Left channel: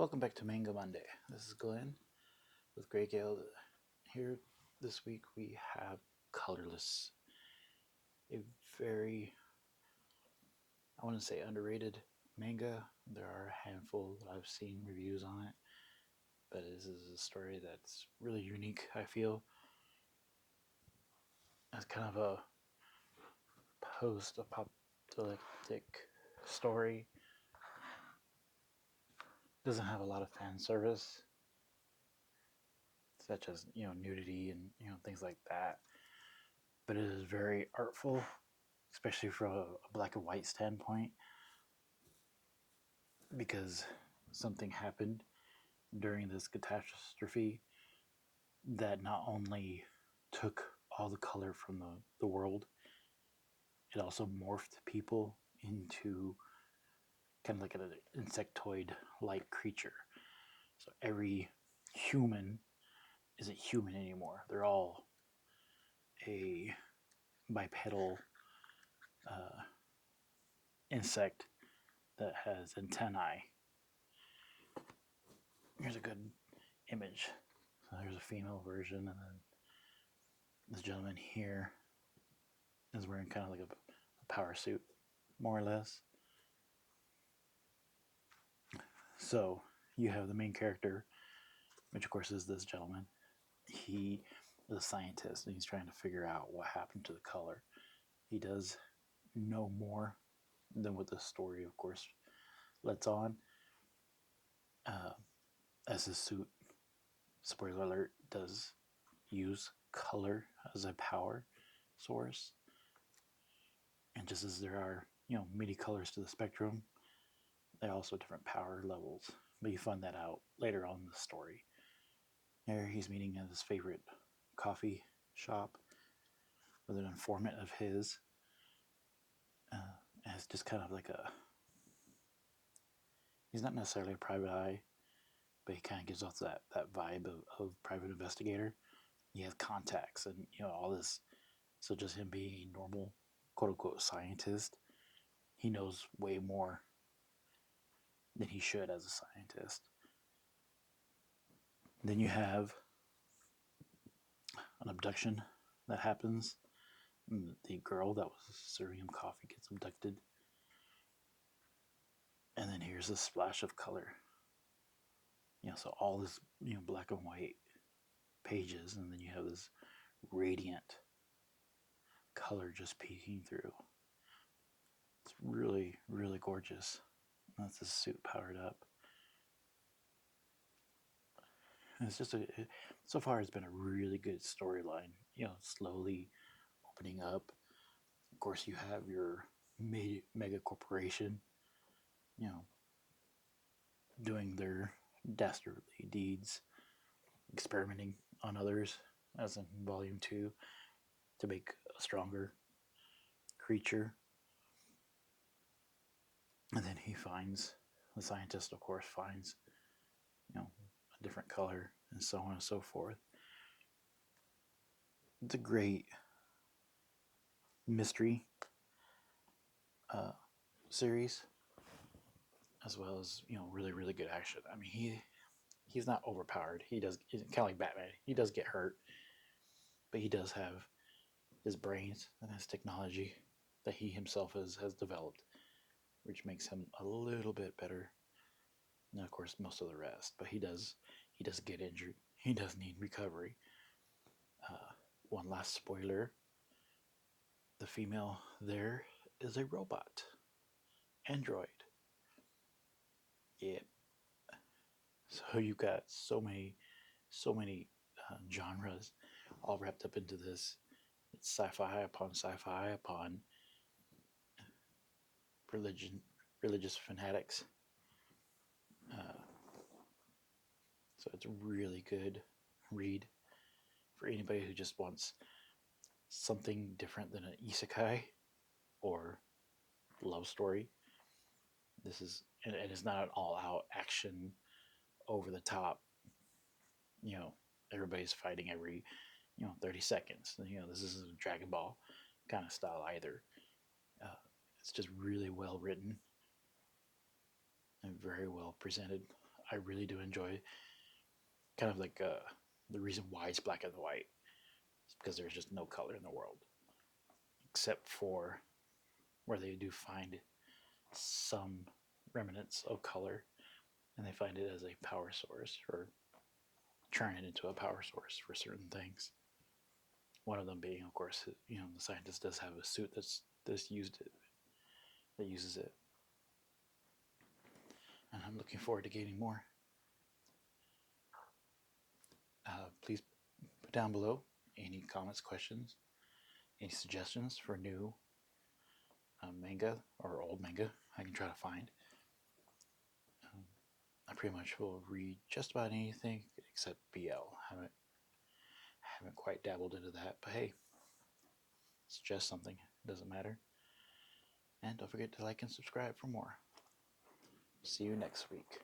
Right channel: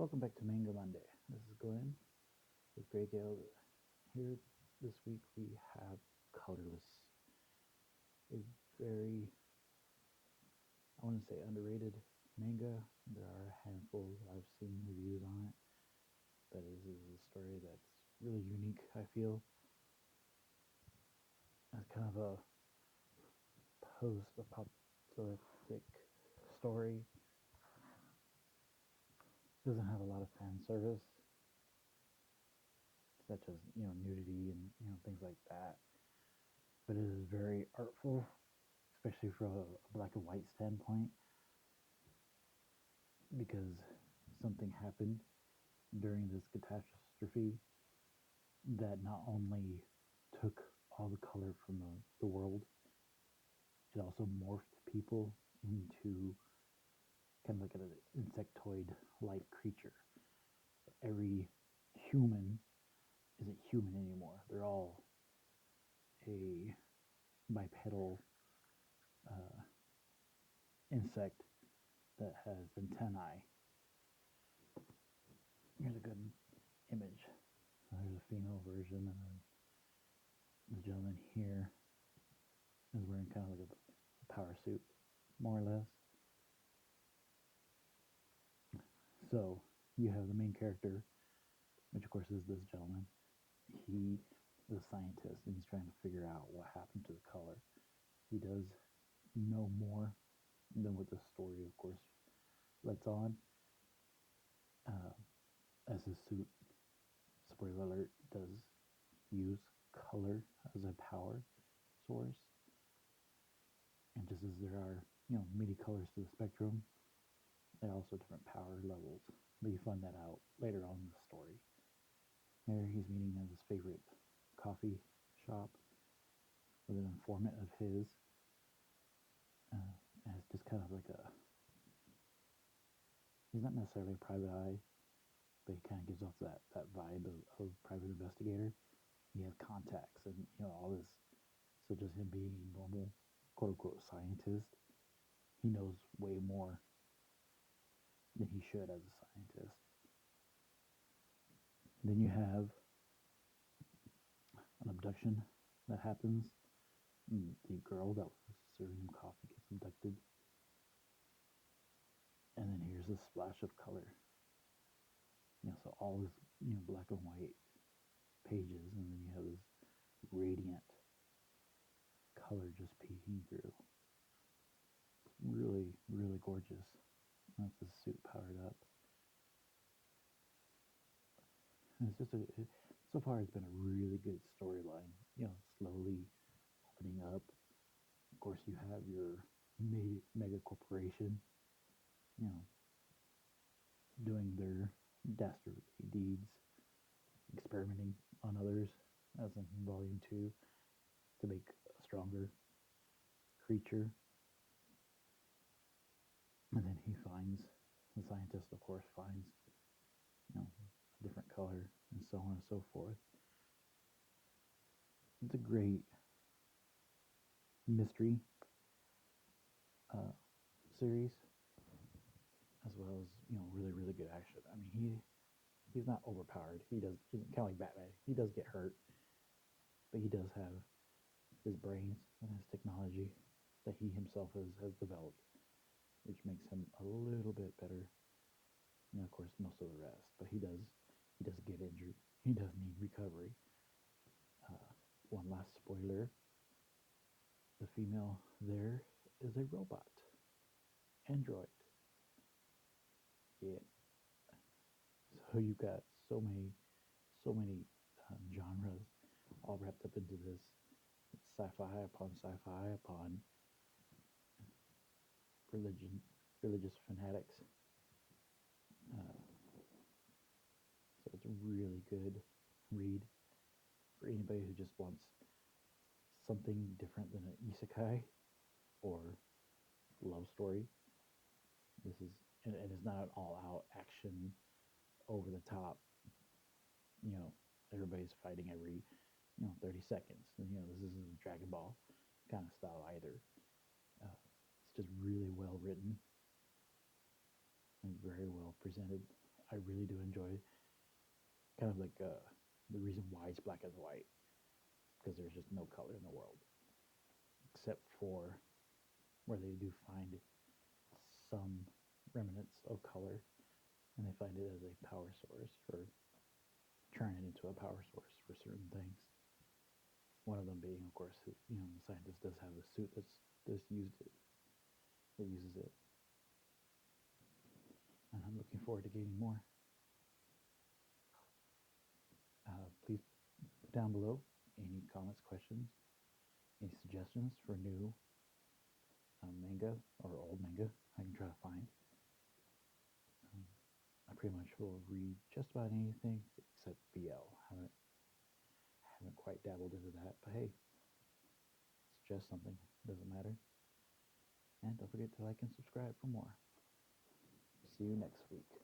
Welcome back to Manga Monday. This is Glenn with Greyguild. Here this week we have Colorless, a very, I want to say, underrated manga. There are a handful that I've seen reviews on it, but this is a story that's really unique, I feel. It's kind of a post-apocalyptic story. Doesn't have a lot of fan service, such as nudity and things like that, but it is very artful, especially from a black and white standpoint, because something happened during this catastrophe that not only took all the color from the world, it also morphed people into kind of like an insectoid like creature. So every human isn't human anymore. They're all a bipedal insect that has antennae. Here's a good image. So there's a female version, and then this gentleman here is wearing kind of like a power suit, more or less. So you have the main character, which of course is this gentleman. He is a scientist, and he's trying to figure out what happened to the color. He does know more than what the story, of course, lets on. As his suit, spoiler alert, does use color as a power source. And just as there are, many colors to the spectrum, there are also different power levels. But you find that out later on in the story. There he's meeting at his favorite coffee shop with an informant of his. And it's just kind of like he's not necessarily a private eye, but he kind of gives off that vibe of private investigator. He has contacts and, all this. So just him being a normal, quote unquote, scientist, he knows way more than he should as a scientist. Then you have an abduction that happens. The girl that was serving him coffee gets abducted. And then here's a splash of color. So all this, black and white pages, and then you have this radiant color just peeking through. It's really, really gorgeous. That's his suit powered up. And it's just so far it's been a really good storyline, slowly opening up. Of course, you have your mega corporation, doing their dastardly deeds, experimenting on others, as in Volume 2, to make a stronger creature. And then the scientist, of course, finds, a different color, and so on and so forth. It's a great mystery series, as well as, really, really good action. I mean, he's not overpowered. He's kind of like Batman. He does get hurt, but he does have his brains and his technology that he himself has developed, which makes him a little bit better than, of course, most of the rest. But he does get injured. He does need recovery. One last spoiler: the female there is a robot, android. Yeah. So you got so many genres all wrapped up into this. It's sci-fi upon sci-fi upon religious fanatics. So it's a really good read for anybody who just wants something different than an isekai or love story. This is, and it's not an all-out action, over the top. Everybody's fighting every 30 seconds. This isn't a Dragon Ball kind of style either. It's just really well written and very well presented. I really do enjoy kind of like the reason why it's black and white is because there's just no color in the world, except for where they do find some remnants of color, and they find it as a power source or turn it into a power source for certain things. One of them being, of course, the scientist does have a suit that's uses it, and I'm looking forward to getting more. Please put down below any comments, questions, any suggestions for new manga or old manga I can try to find. I pretty much will read just about anything except BL. Haven't quite dabbled into that, but hey, suggest something. It doesn't matter. And don't forget to like and subscribe for more. See you next week.